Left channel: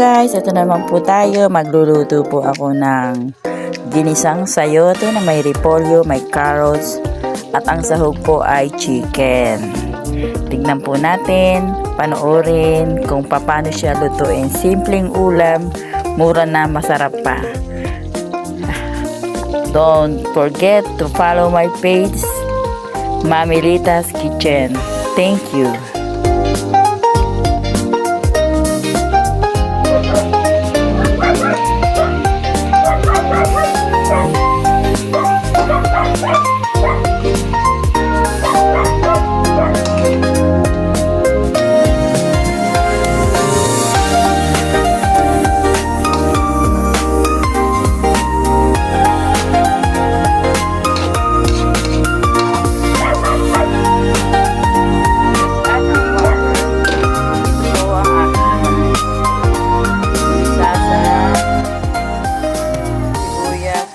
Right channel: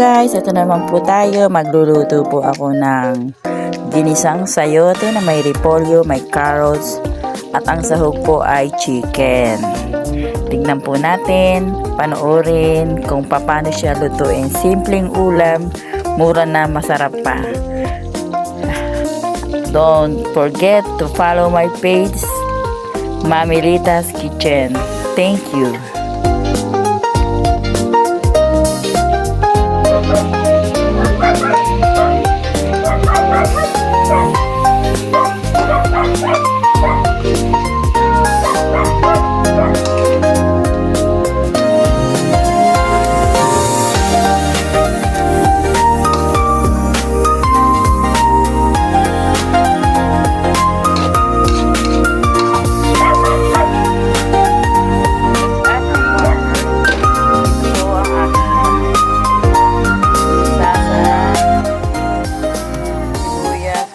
guys, ito naman po tayo. Magluluto po ako ng ginisang sayote na may repolyo, may carrots, at ang sahog po ay chicken. Tingnan po natin, panoorin kung paano siya lutuin. Simpleng ulam, mura na masarap pa. Don't forget to follow my page, Mami Rita's Kitchen. Thank you.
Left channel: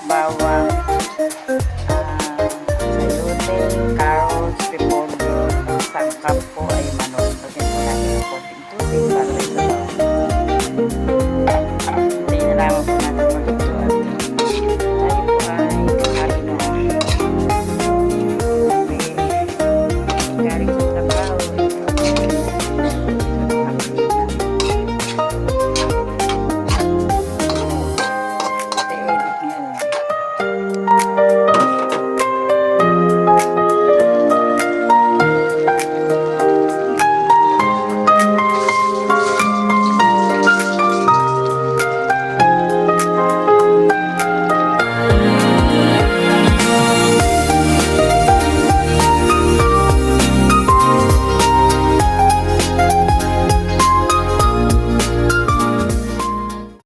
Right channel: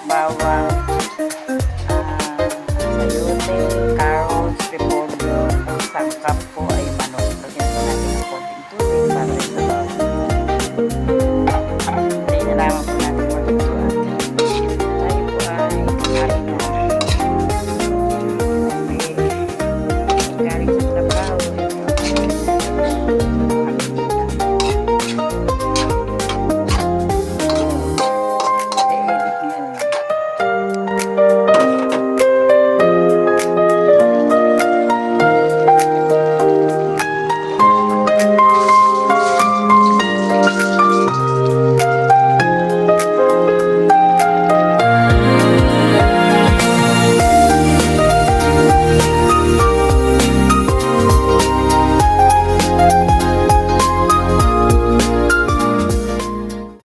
Bawang, sayote, carrots, repolyo, ang sangkap po ay manok. Lagyan po natin ng konting tubig para rin sa bawang. Hintayin na lamang po natin maluto at tayo po ay